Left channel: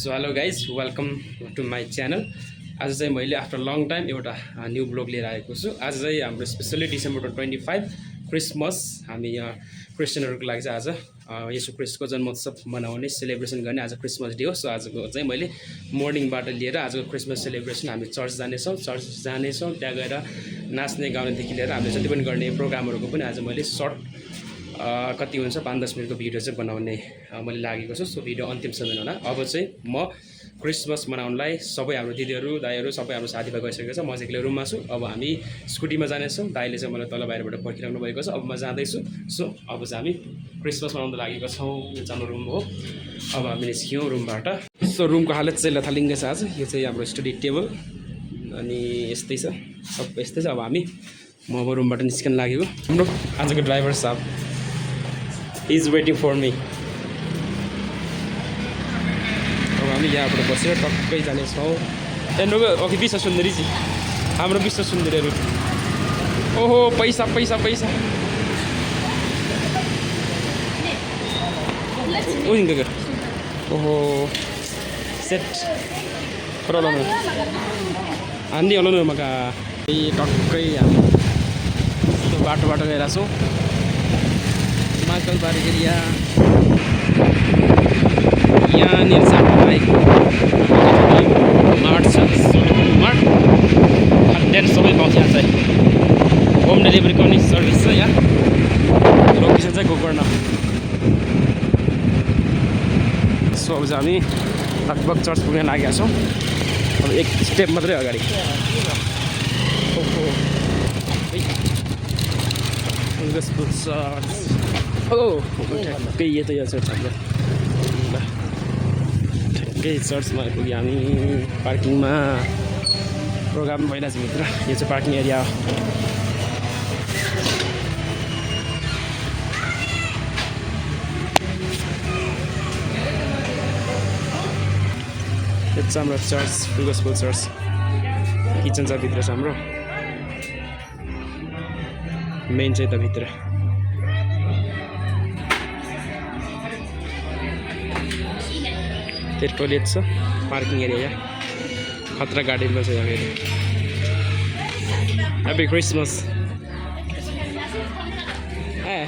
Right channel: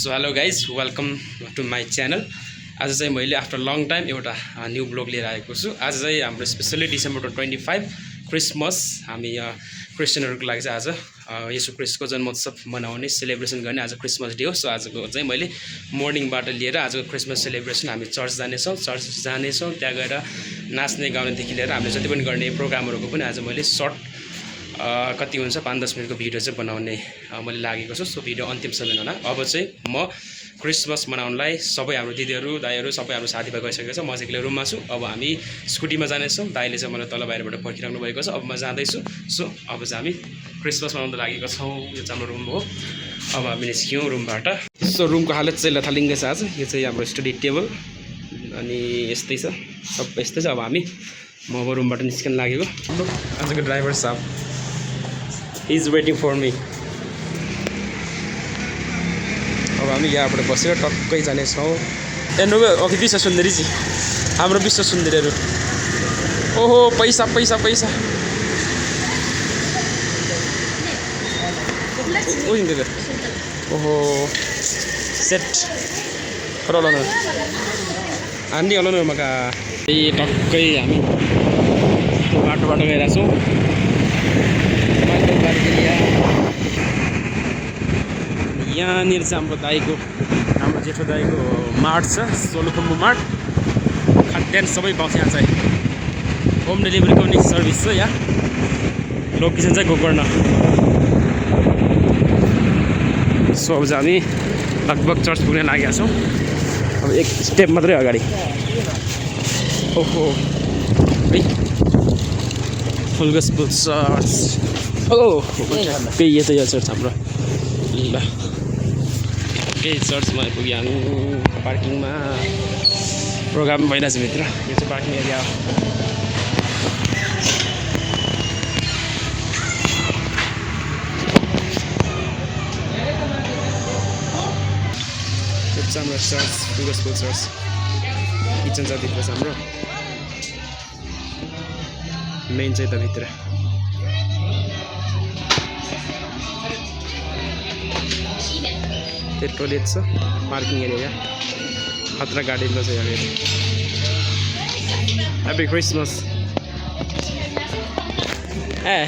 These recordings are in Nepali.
So hello guys welcome to my channel. आज चाहिँ मैले आफ्टर लङ टाइम एउटा न्यू ब्लग लिएर आएको छु। आज चाहिँ हाम्रो स्पेसल्ली डिसेम्बर 25 क्रिसमस, हामी क्रिस्चियनहरूको लागि चाहिँ आज येशू क्रिस्टको जन्मोत्सव मनाउने सेलिब्रेसन गर्ने आज क्रिसमस डे हो। सो आजको चाहिँ मैले मर्निङबाट लिएर आजको क्रिसमस सेलिब्रेसन हामी चर्च जानेछौँ त्यहाँ गएर नाच्ने गाउनेदेखि लिएर हामीले जति पनि गर्ने प्रोग्रामहरूको पनि आज मैले सर्ट कति हुन्छ 5-10 मिनटको भिडियो चाहिँ बनाउने मैले लागेको छु। सो भिडियो अन्तिमसम्म होला। अब चाहिँ म क्रिसमस मनाउनलाई सबै हाम्रो दिदीहरू दाइहरू सबै हाम्रो साथीभाइ गइसकेको छ। म चाहिँ एक्लै रुममा छु। अब हामी स्कुटीमा जानेछौँ। दाइले चाहिँ मलाई तल बाहिरबाट पर्खिराख्नु भएको छ। अब म जाँदैछु। सो अब चाहिँ हामी क्रिसमस मनाउन लागेको छौँ। यो चाहिँ हाम्रो रुम हो। अब हामी निस्क्यौँ रुमबाट। सो रुमको हालत चाहिँ लथालिङ्गै छ आज। यो चाहिँ हाम्रो स्टडी टेबल अनि यस्तै छ, सबै यस्तै छ। अब म अब रुमबाट निस्कन लागेको। हाम्रो आजको ड्राइभर साहब इज वेटिङ फर मी। अब हामी यहाँबाट बसेर टक्कै जानेछौँ। हेर्नु अघि विश्व सुन्दरी चाहिँ हाम्रो विश्व सुन्दरीहरू। ओहो पैसा पैसा पैसा ओहो सेट खर हान्दी होला न मका। टक्कै हामी बाटोबाट गइरहेको छौँ। यहाँनिर चाहिँ हाम्रो दाइको मार्ट छ, सोलुखुम्बु मार्ट। खाद्यान्न सबै पाउँछ यहाँ चाहिँ। होम डेलिभरी गर्ने सर्भिस छ यहाँ। लोकेसन चाहिँ गोकर्ण। सो अब चाहिँ हामी लगभग चर्च पुग्न लागेका छौँ। अब एक स्टेप मात्रै अगाडि। ओहो फुल गस्पेल चर्च। ओ त्यही यो त यो चर्च हाम्रो। ल त्यही चर्चमा आइपुग्यो हामी। पार्किङमा प्रोग्राम भइरहेछ भित्र। यो चाहिँ पार्किङ एरिया हो। यो चाहिँ हाम्रो चर्च, फुल गस्पेल चर्च। किचन छ भित्र छ हाम्रो। मेन चाहिँ त भित्र। त्यो टोइलेट छ, पार्किङ एरिया खतरा गार्डनमा छ यहाँ। Happy Christmas. ए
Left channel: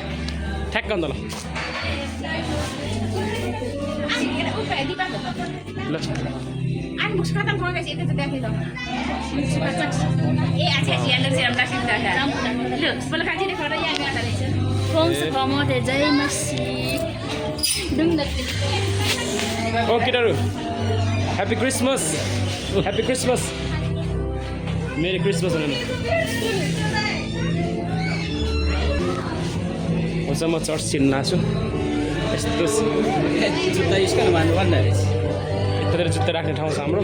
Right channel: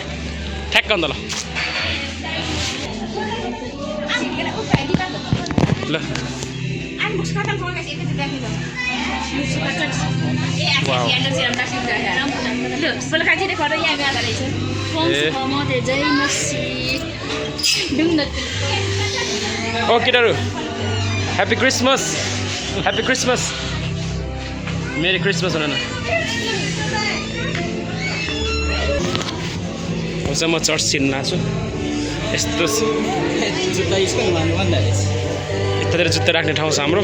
ठ्याक्क अन्त ल ल ओ केटाहरू happy Christmas. Happy Christmas. Merry Christmas हुन न। चाहिँ म चर्च छिर्न आएको छु। यस्तो यतातिर जुत्ता राख्ने ठाउँ छ हाम्रो।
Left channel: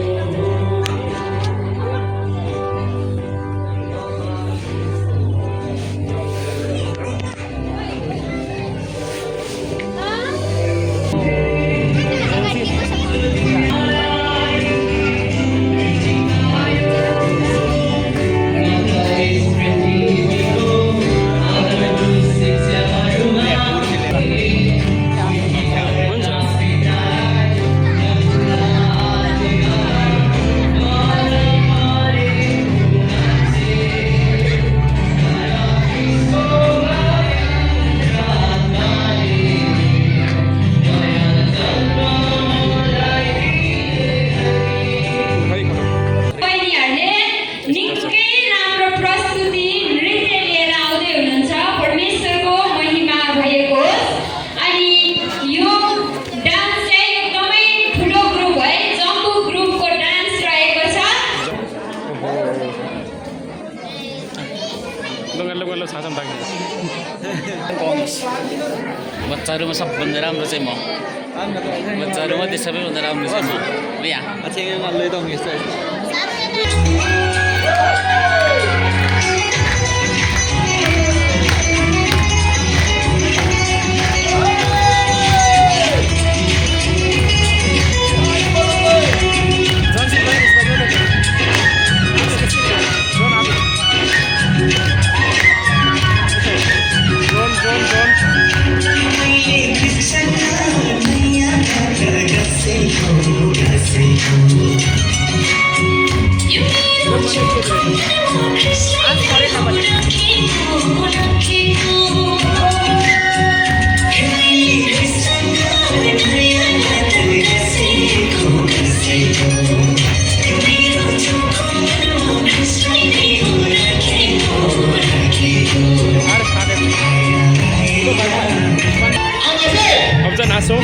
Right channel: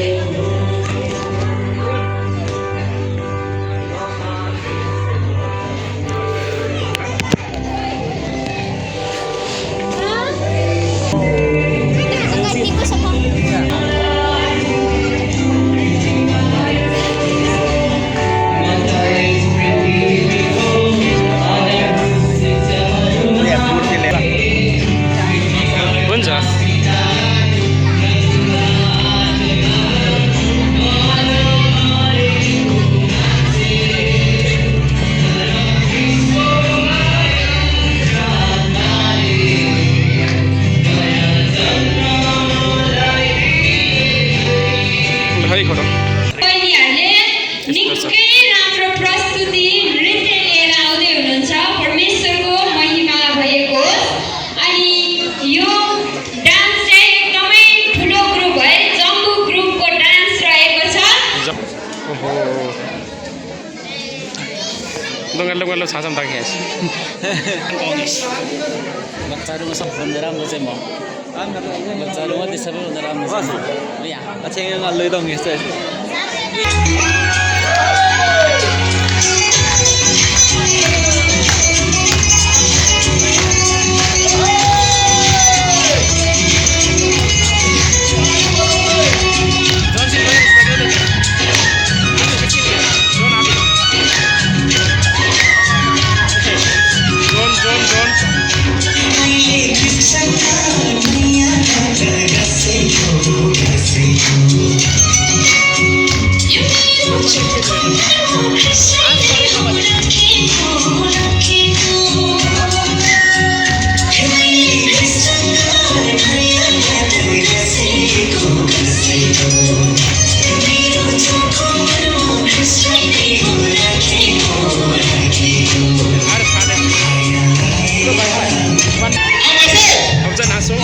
डङ्गालो छाछम ताके बच्चाहरूमा सबभन्दा राम्रो चाहिँ म। बच्चाहरूमध्ये सबैभन्दा राम्रो चाहिँ म। यहाँ अब चाहिँ नाचौँ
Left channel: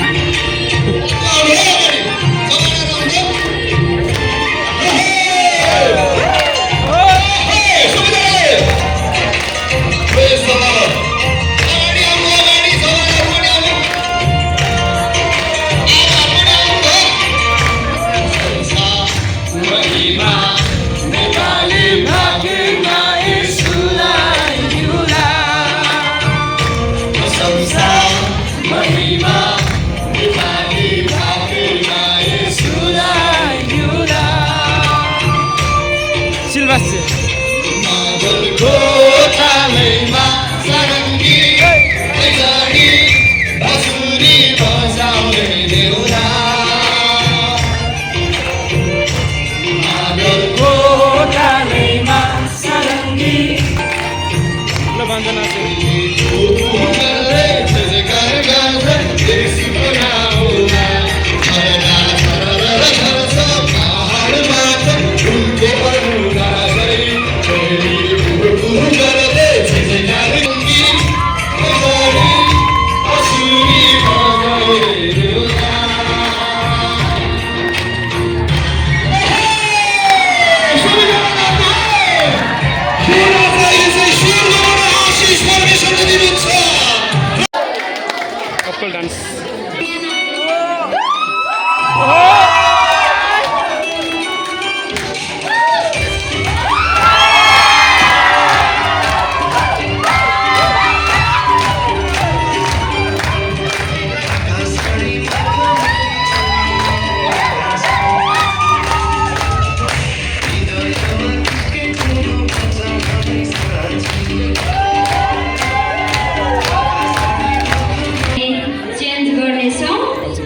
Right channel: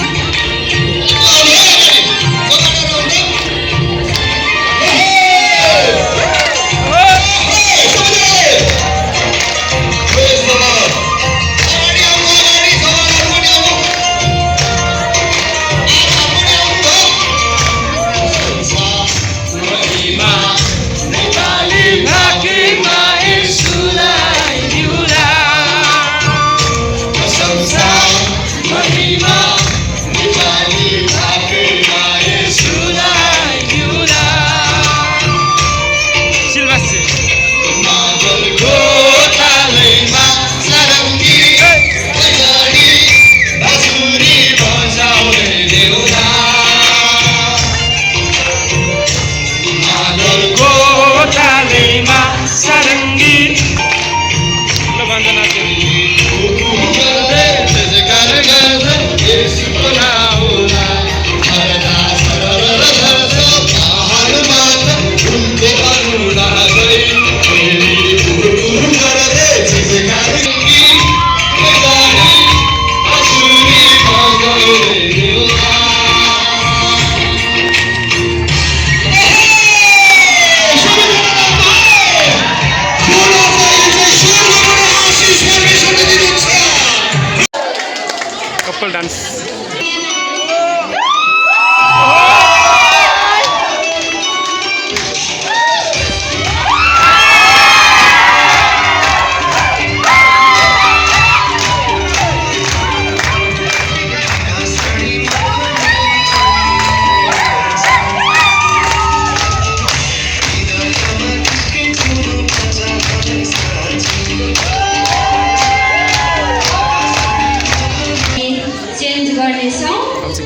कपल डान्स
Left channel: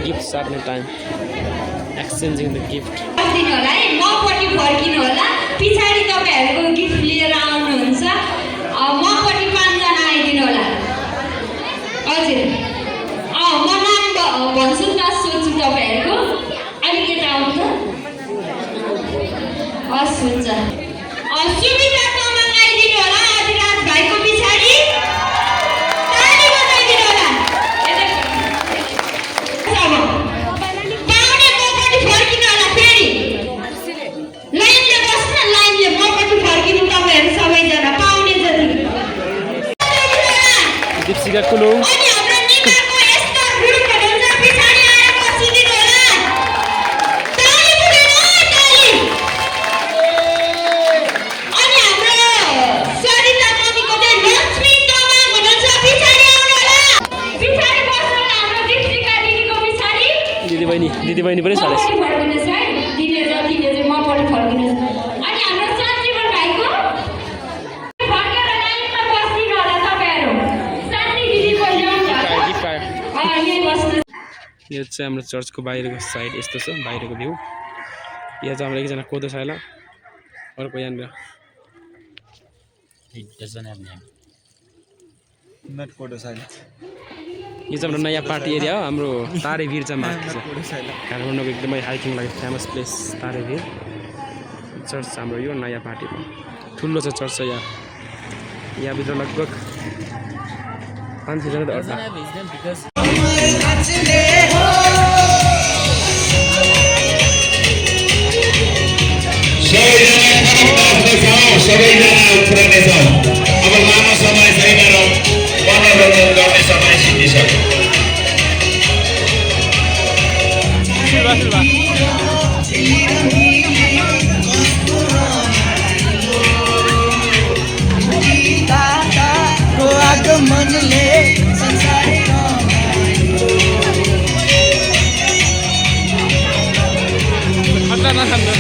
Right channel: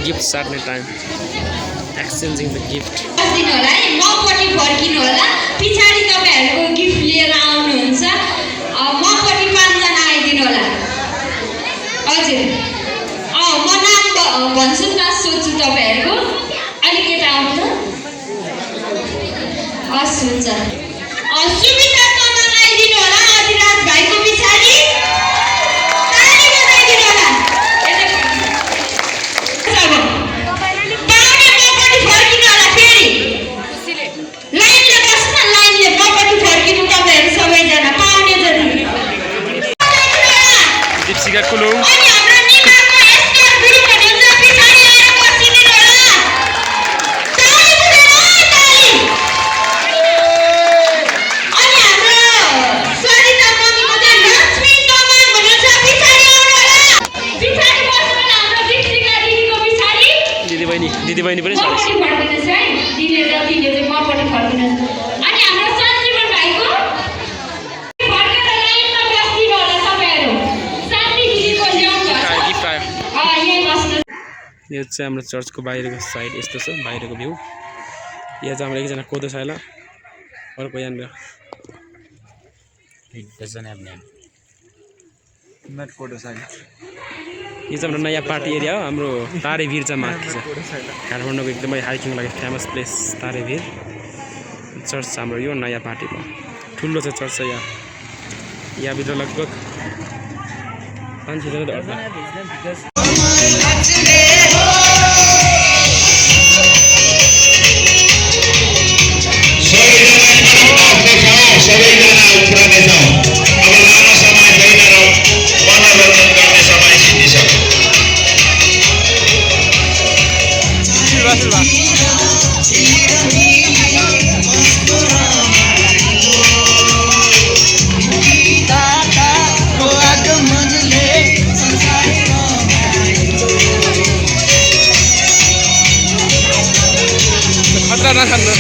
गिफ्ट साट्ने टाइम एक्सचेन्जिङ द गिफ्ट दिनु होला है मपट्टि फर्किनु होला पछाडि तपाईहरुको गिफ्ट लिएर आउनुहुन्छ मपट्टि 5 जना आइदिनु होला हजुर म नाम भन्छु न सोध्छु तपाईहरुको अलिकति आउनु त हस् हुन्छ सुमिता तामाङ आइदिनु होला अधिराज भाइको पछाडि ताली बजाइदिनु होला दीपशिका कुलु दिदी बहिनी पनि छ यो चाहिँ हाम्रो चर्चको बाहिरको साइड यस्तो छ बाहिरको भ्यू यहाँ चाहिँ हाम्रो एकजना कोदो साइला अर्को यहाँनिर यो चाहिँ हाम्रो नयाँ पार्टी एरिया हो हाम्रो तारेभिर चाहिँ माथि छ काठमाडौँको एकदमै हाइकिङ लागि फेमस प्लेस तारेभिर चर्च छ हाम्रो यो नयाँ पार्टीको ठुलो छ चर्च छ यहाँभित्र लगभग 500 जना अट्ला खतरा ना खाना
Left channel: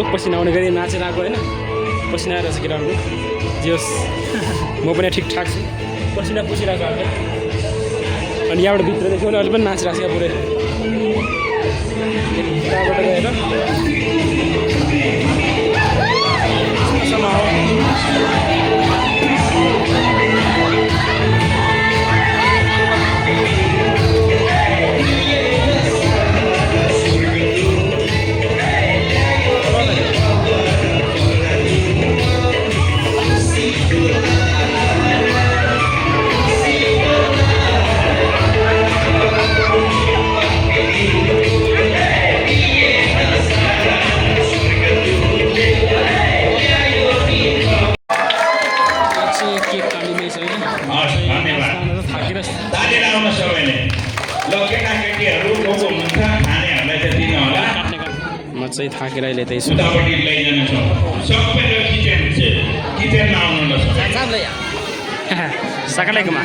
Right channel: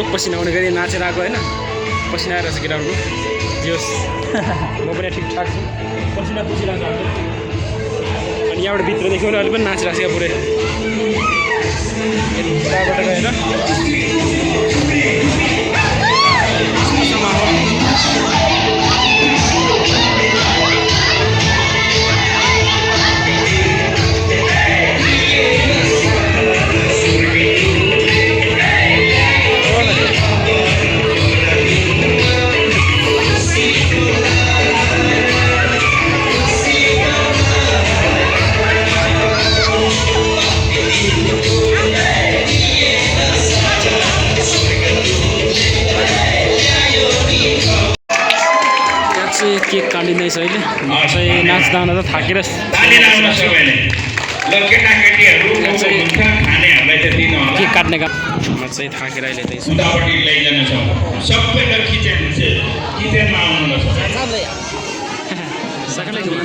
यस्तो पसिना आउने गरी नाचेर आएको होइन पसिना आएर चाहिँ केटाहरूको जे होस् म पनि ठिकठाक छु पसिना पुसिरहेको छ अनि यहाँबाट भित्र देख्यो भने अहिले पनि नाचिरहेको छ पुरै यताबाट गएर केक काटिँदै छ अहिले नाच्दा त थाकेर ल केटाकेटीहरू हुन्छ खानेहरूलाई त दिनु होला केक काट्ने काम म चाहिँ थाकेर अहिले त्यही छु उतापट्टि लैजानु छ सबैलाई किचनमा आउनु साकालेकोमा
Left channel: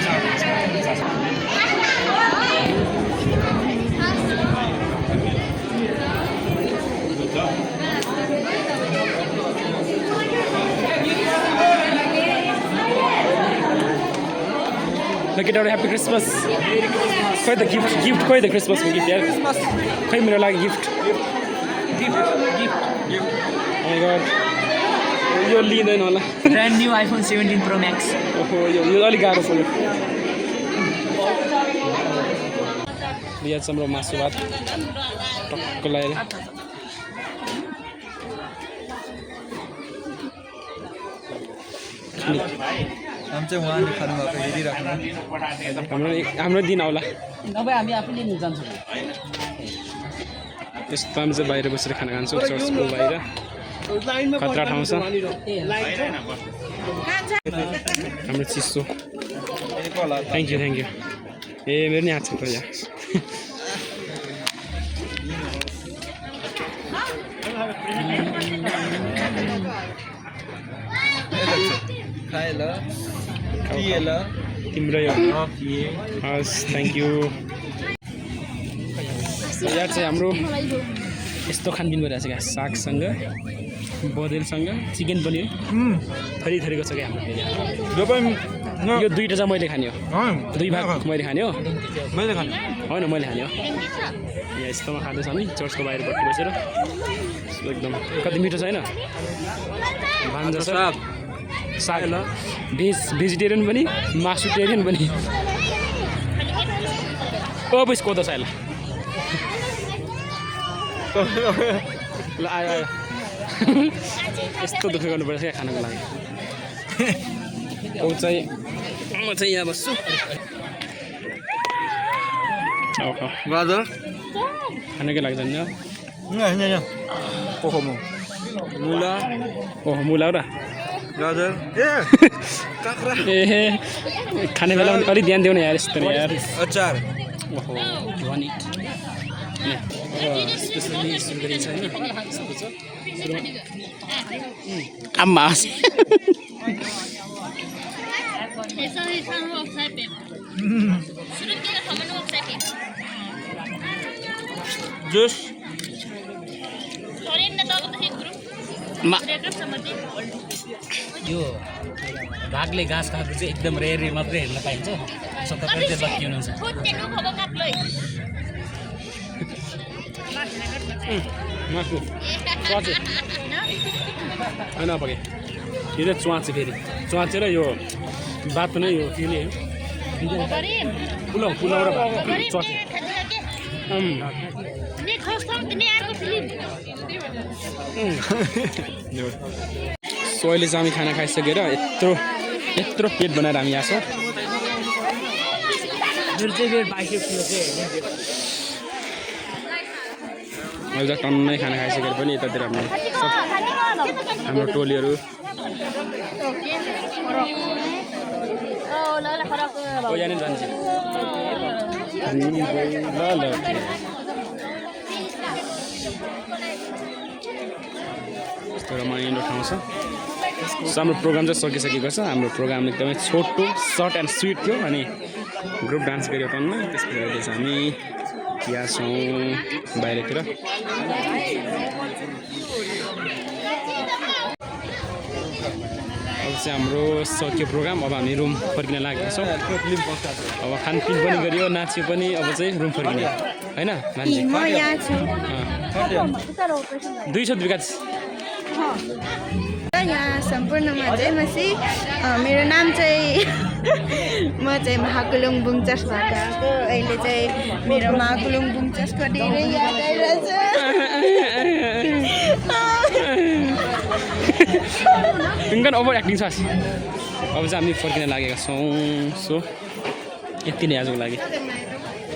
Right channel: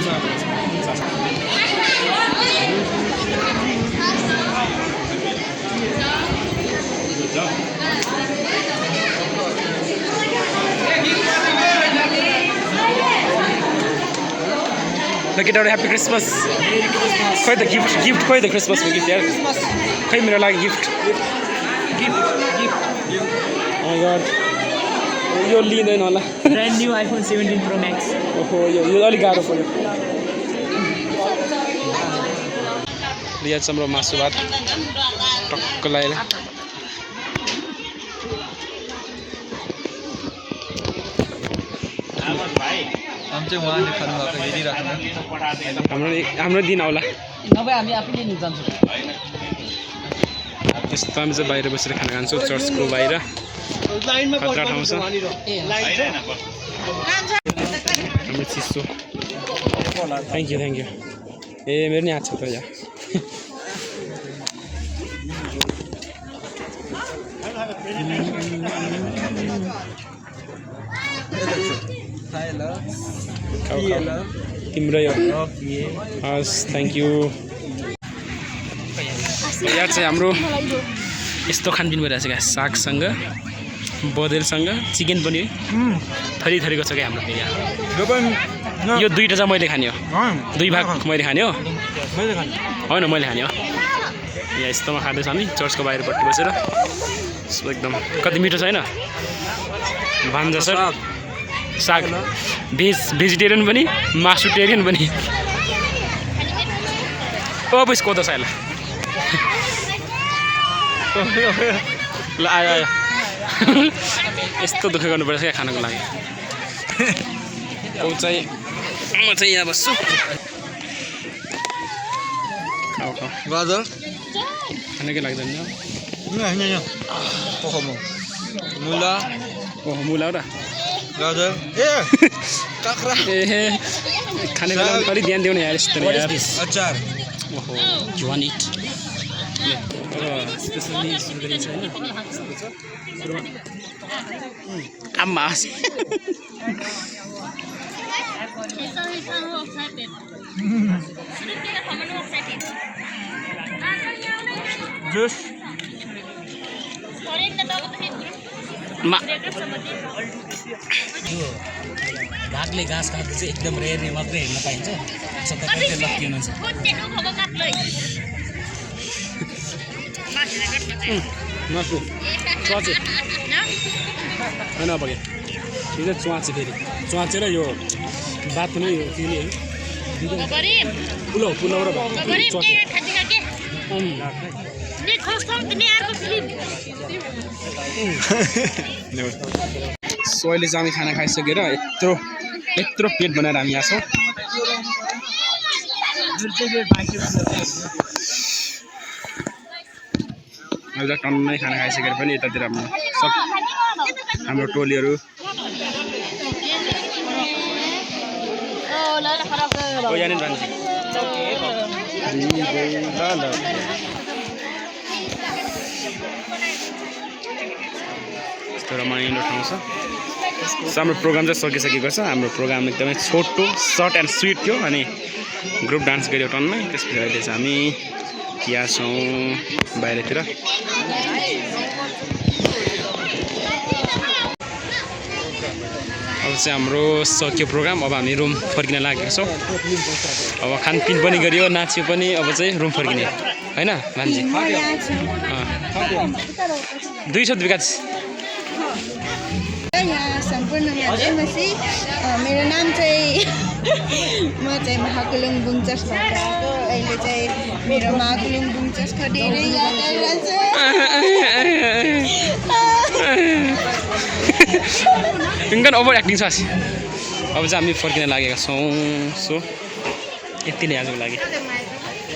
ल केटाहरू ह्याप्पी क्रिसमस खोइ त गिफ्ट खोइ त क्रिसमसको गिफ्ट यार खोइ मेरो लागि गिफ्ट माई गड यो लिँदैन होला brand new iPhone 17 pro Max ओहो यो अलिक गाह्रो पर्यो यहाँ चाहिँ हाम्रो मासु भात टक्क लगाएर हाम्रो दिन आउला नभए हामी आफैले नि जान्छौँ त्यस्तो हामी चाहिँ बाहिर बसेर खाना खान्छौँ चर्चको बाहिर खतरा ठाउँ छ हाम्रो चिसो थ्याङ्क यू ए मेरो नि आएको छ त यहाँ तिम्रो यो हस् थ्याङ्क यू यहाँ चाहिँ हाम्रो यस्तो खानपिन भइरहेको छ क्या सागसँग बदेलसँग चिकन पनि थरी थरीको छ क्या हाम्रो यहाँ यो दुईवटा चाहिँ मैले खाने हो दुई भाग मैले खाने हो होइन मैले खाने हो यहाँ यस्तोमा खाँदैछ हामी चर्चको बाहिरपट्टि बसेर एकदम कति मिठो छ होइन भान्जा सर साग भेजिटेरियन पनि मासुटेरियन पनि अब यसको त साइला ल आयो यस्तो दुःख गर्नुपर्छ क्या खानको लागि म चाहिँ यहाँ बस्छु गाजर खानकै लाग्दैन मुला ओहो मुला र गाजर काँक्रा खाने बेला पनि अलिक ध्यान दिउने यार यस्तो यार अचार ओहो जुवान इट स्पेसली सुरु गरिन्छ होइन आम्मा जुस यो भागले घाँस खाएको चाहिँ एकदम रेयर मात्रै हेर्न पाइन्छ तपाईँ चाहिँ लक्की हुनुहुन्छ नसु च्वाचे होइन पऱ्यो यो चाहिँ च्वाचे फेरि च्वाचेर यो बात नै यो के नि पुलाउ र भात च्वाचे सो अहिले चाहिँ हामी खाना खाइसकेर यत्रो पेट बनाएर हामी यहाँ छौँ अहिले टन्नै खाना खाइसकेर पनि यतातिर हाम्रो टोलीहरू यहाँनिर जान्छ यस्तो रमाइलो ठाउँ छ। सो हाम्रो प्रोग्राम चाहिँ सकिसकेको छ। हाम्रो प्रोग्राम एकदमै छोटो सर्ट एन्ड स्विट थियो अनि ग्रुप डान्स गऱ्यो टन्नै। त्यसपछि अहिले चाहिँ हामी यहाँ छौँ बाहिरतिर। अब चाहिँ हाम्रो सक्यो प्रोग्राम। अब हामी रुम फर्किन लागेका छौँ। अब खानपिन पनि गरियो, नाच्यो पनि, अब चाहिँ रुम फर्किने होइन भान्जी? 200 विकास। यहाँ सम्पूर्णमा जयमसी। मेरो नाम चाहिँ म चाहिँ महाकुलुङ बुङचसबाट आएको। अहिले चाहिँ मेरो महाकुलुङ बुङचसको धेरै याद आइरहेछ। इन्कन ओभर एक्टिङ छ। अब चाहिँ हामी फर्किन लागेका छौँ। सो यति नै आजको लागि।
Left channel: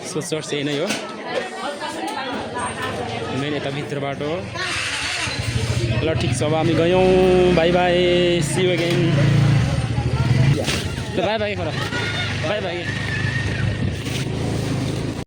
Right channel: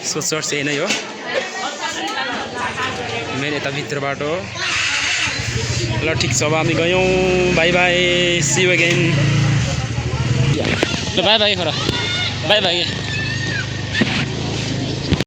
सो चर्च यही नै हो, मेन यता भित्रबाट हो। ल ठिक छ, अब हामी गयौँ। Bye bye, see you again. ल बाई बाई, बाई बाई।